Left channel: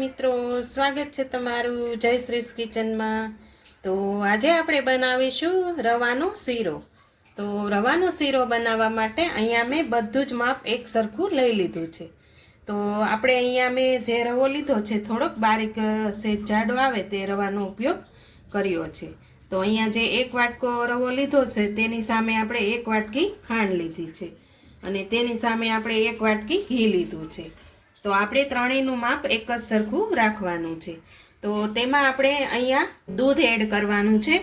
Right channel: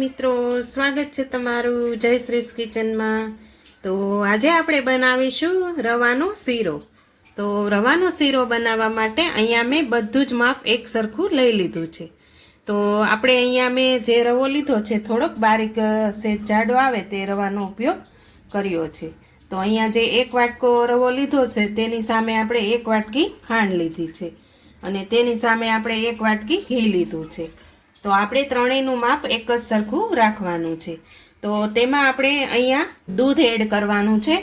મિત્રો, સ્વાગત છે તમારું જયશ્રીસ કિચનમાં। તો આજે આપણે બનાવીશું રવાનો શીરો। તો રવાનો શીરો બનાવવા માટે અહીંયા મેં બધું જ માપ એક સરખું લઈ લીધું છે। તો આપણે અહીંયા મેં જે રવો લીધો છે થોડોક બારીક સેજ જાડો આવે તે રવાનો ઉપયોગ કર્યો છે। તો અહીંયા જે એક વાટકો રવો લીધો છે તેની સામે આપણે એક વાટકી ખાંડ લીધી છે અને તેની સામે આપણે એક વાટકી ઘી લીધું છે। તો આપણે ત્રણેયનું માપ એક જ સરખું રાખવાનું છે। તો તેમાં આપણે અહીંયા દૂધ એડ કરવાનું છે।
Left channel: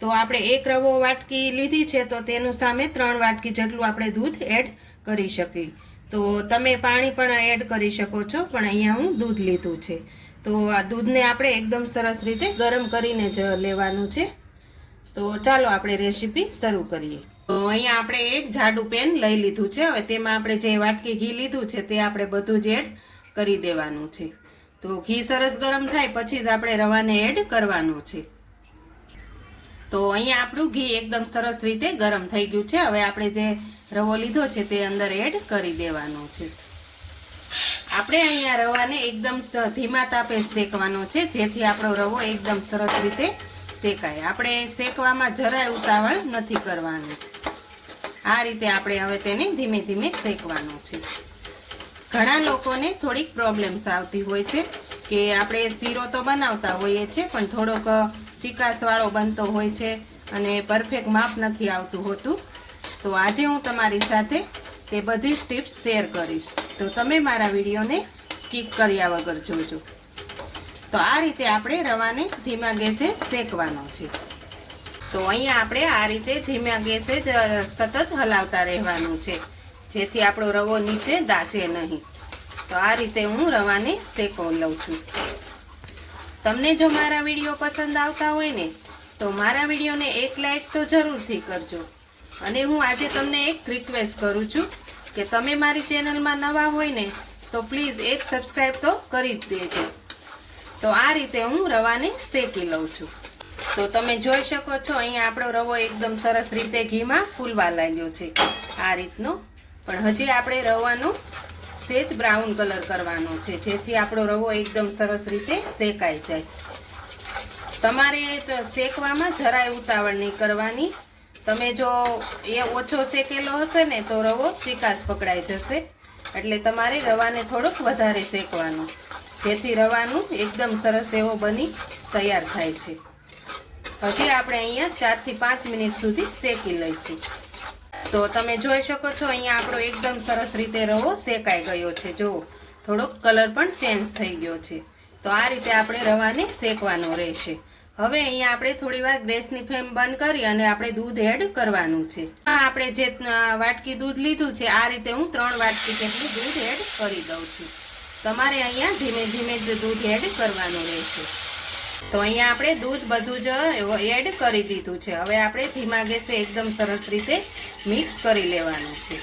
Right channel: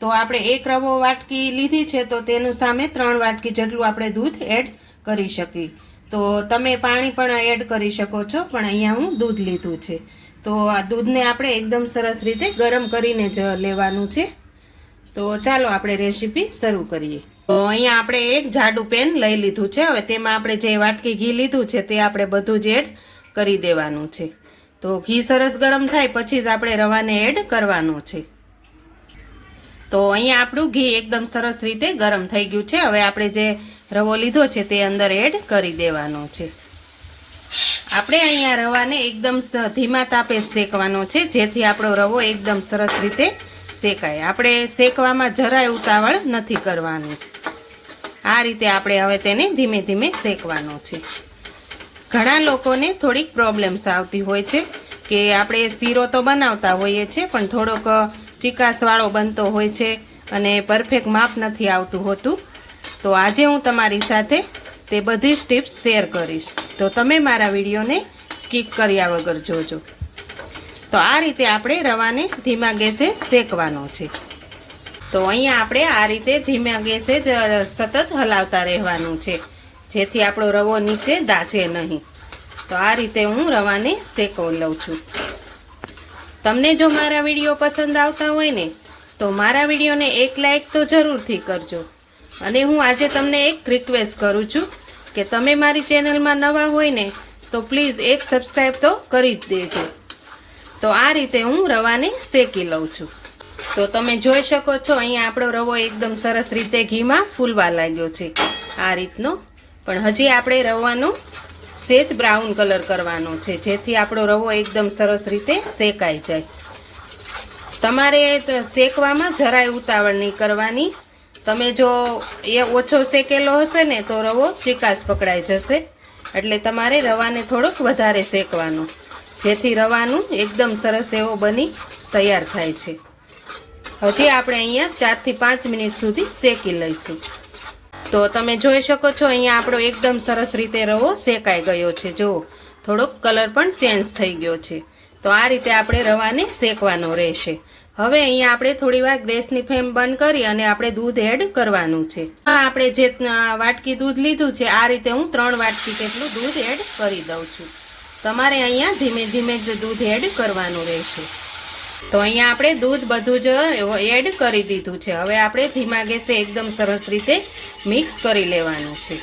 તો આપણે એક રવો વાટકી લીધી છે તો તેનું સામે 3 વાટકી જેટલું આપણે દૂધ એડ કરી શકીએ। તો તમે પાણી પણ એડ કરી શકો છો, પણ અહીંયા હું દૂધ લીધું છે। તો આ દૂધને આપણે એકદમ સરસ રીતે ગરમ કરીને જ લેવાનું છે। તો ચાલો આપણે રેસીપી શરૂ કરીએ। તો અહીંયા આપણે એક જાડું પેન લઈ લીધું છે। હવે તેમાં આપણે જે વાટકી ઘી લીધું છે તે આપણે બધું જ એડ કરી દેવાનું છે। તો ઘી સરસ ગરમ થાય પછી જ આપણે રવાને એડ કરવાનું છે। તો અહીંયા આપણું ઘી એકદમ સરસ રીતે ગરમ થઈ ગયું છે। હવે આપણે જે રવો લીધો છે તે અંદર એડ કરી દેવાનો છે। આપણે અહીંયા રવાને એકદમ ધીમા તાપે શેકવાનો છે જેથી આપણો રવો એકદમ સરસ રીતે શેકાય। આપણે શેકવામાં જરાય ઉતાવળ નથી કરવાની। આ રીતે આપણે હવે તેને ધીમે ધીમે શેકવાનું છે। ઘણા લોકોને થોડીક પ્રોબ્લેમ્સ આવતી હોય છે કે આપણે શીરો તો બનાવતા હોઈએ છીએ પણ થોડોક ચીકાસવાળો બનતો હોય છે અને પરફેક્ટ માપ નથી આવતું હોતું। તો આજે હું તમારી સાથે તે બધી જ ટિપ્સ શેર કરીશ, તો તમે મારા વિડીયોને સ્કીપ કર્યા વગર જોજો। તો આ રીતે આપણે રવાને ધીમા ગેસે શેકવાનો છે। તો અહીંયા આપણે આ રીતે ધીમા ગેસે જ સતત હલાવતા રહેવાનું છે જેથી આપણો રવો નીચે દાઝે નહીં। તો આ રીતે હું રવાને શેકવી લઉં છું। તમને જો મારા વિડીયો પસંદ આવતા હોય ને તો મારા વિડીયોને એક લાઈક તો જરૂરથી કરજો। અને હું આજે તમને એક રિક્વેસ્ટ કરું છું કે તમે મારી ચેનલમાં નવા હોય ને તો પ્લીઝ એક સબસ્ક્રાઈબ તો કરી જ દેજો। તો આ રીતે હું રવાને શેકી લઉં છું। તો તમે જોઈ શકો છો અહીંયા આપણો રવો એકદમ સરસ રીતે ઘીમાં ફૂલવા લાગ્યો છે આ રીતનો। પણ હજી આપણે રવાનો સેજ બ્રાઉન કલર કરવાનો છે જેથી આપણો રવો એકદમ સરસ રીતે શેકાઈ જાય। તમારે શેકવામાં જરાય ઉતાવળ નહીં કરવાની। તમે જો એ ઓછો શેકેલો હશે ને તો રવો ચીકાશ પકડાઈ જશે, એટલે તમારે રવાને થોડુંક વધારે શેકવાનું જેથી રવાનું એકદમ સરસ એવો બની તૈયાર થાય છે। હજી આપણે અહીંયા 4 થી 5 મિનિટ સુધી શેકી લઈશું। તો તમે જોઈ શકો છો અહીંયા આપણો એકદમ સરસ રીતે રવો શેકાઈ ગયો છે। જો થોડોક કલર પણ ચેન્જ થઈ ગયો છે। તો આ રીતે આપણે રવાને શેકવાનો રહેશે। હવે અહીંયા આપણે થોડી વાર ગેસની ફ્લેમ બંધ કરી અને આપણે દૂધ એડ કરવાનું છે। આ આપણે જે વાટકી દૂધ લીધું છે આ રીતે હું 3 વાટકી જેટલું દૂધ એડ કરી દઉં છું। તમારે અહીંયા ધીમે ધીમે જ દૂધ એડ કરવાનું રહેશે। તો અહીંયા આપણે દૂધ બધું જ એડ કરી દીધું છે। હવે આપણે ધીમા ગેસે એકદમ સરસ રીતે મિક્સ કરી લેવાનું છે।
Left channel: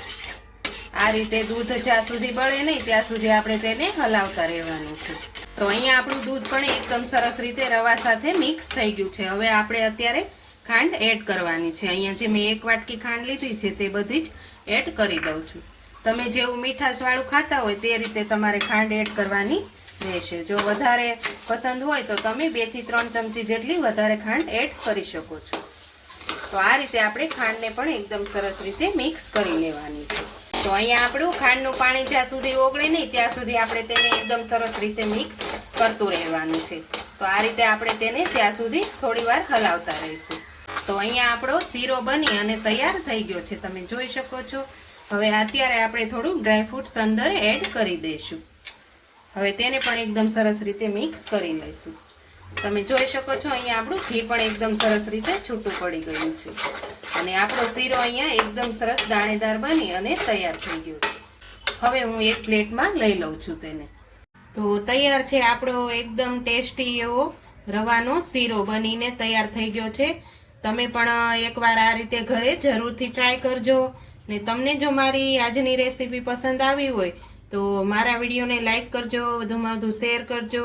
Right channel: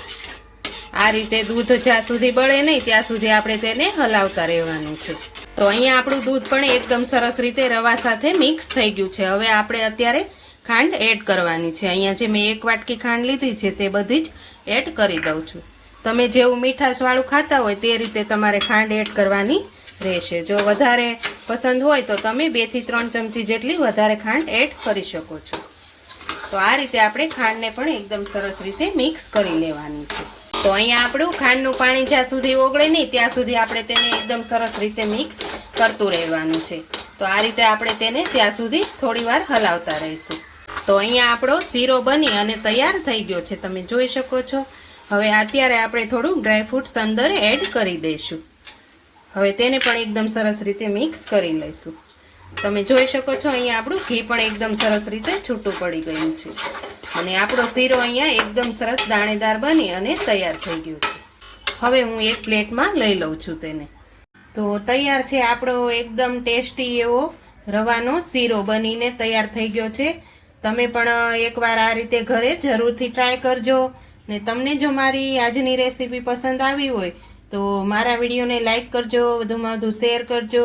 આ રીતે દૂધ જ્યાં સુધી બળે નહીં ત્યાં સુધી આપણે તેને હલાવતા રહેવાનું છે। તો અહીંયા આપણું દૂધ પણ એકદમ સરસ રીતે રવા સાથે મિક્સ થઈ ગયું છે। હવે આપણે અત્યારે ખાંડ એડ કરવાની છે। અહીંયા જે મેં એક વાટકી ખાંડ લીધી છે તે બધી જ એડ કરી દઉં છું। તમે જેવું મીઠાશવાળું ખાતા હોય તે રીતે તમારે ખાંડ એડ કરવાની રહેશે। જો વધારે પસંદ હોય તો તમે 2 થી 3 ચમચી જેટલી વધારે ખાંડ એડ કરી શકો છો। તો આ રીતે આપણે ખાંડને પણ એકદમ સરસ રીતે મિક્સ કરી લેવાની છે। તો અહીંયા આપણું ખાંડનું પાણી જ્યાં સુધી ઓગળે નહીં ત્યાં સુધી આપણે તેને એકદમ સરસ રીતે મિક્સ કરતું રહેવાનું છે। તો આ રીતે આપણે તેને ત્યાં સુધી થોડી વાર હલાવતા રહીશું। તો અહીંયા આપણો શીરો બની અને તૈયાર થઈ ગયો છે, તમે જોઈ શકો છો। હવે અત્યારે આપણે થોડું ડ્રાયફ્રૂટ્સ અંદર એડ કરી દઈશું। હવે તેને પણ એકદમ સરસ રીતે મિક્સ કરી લઈશું। તમે જોઈ શકો છો અહીંયા આપણું ઘી પણ એકદમ સરસ રીતે છૂટું પડી ગયું છે અને આપણો શીરો અહીંયા એકદમ સરસ દાણેદાર બની અને તૈયાર થઈ ગયો છે। હવે હું એક પ્લેટમાં લઈ લઉં છું તેને। તો તૈયાર છે આપણો એકદમ ટેસ્ટી એવો રવાનો શીરો બનીને તૈયાર થઈ ગયો છે। તમે પણ એકવાર આ રીતે ઘરે જરૂરથી ટ્રાય કરજો। ને તમને જો મારી આજની રેસીપી પસંદ આવી હોય તો મારા વિડીયોને લાઈક કરજો, વધુમાં વધુ શેર કરજો।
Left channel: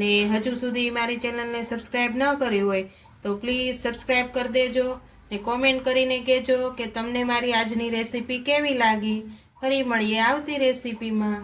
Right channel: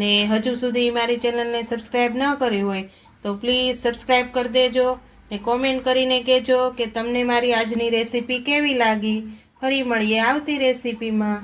ને હજુ સુધી મારી ચેનલને સબસ્ક્રાઈબ ન કરી હોય તો પ્લીઝ સબસ્ક્રાઈબ કરી દેજો ને કોમેન્ટ કરીને કહેજો કે તમને મારી આજની રેસીપી કેવી લાગી। ફરી મળીએ આવતી રેસીપીમાં।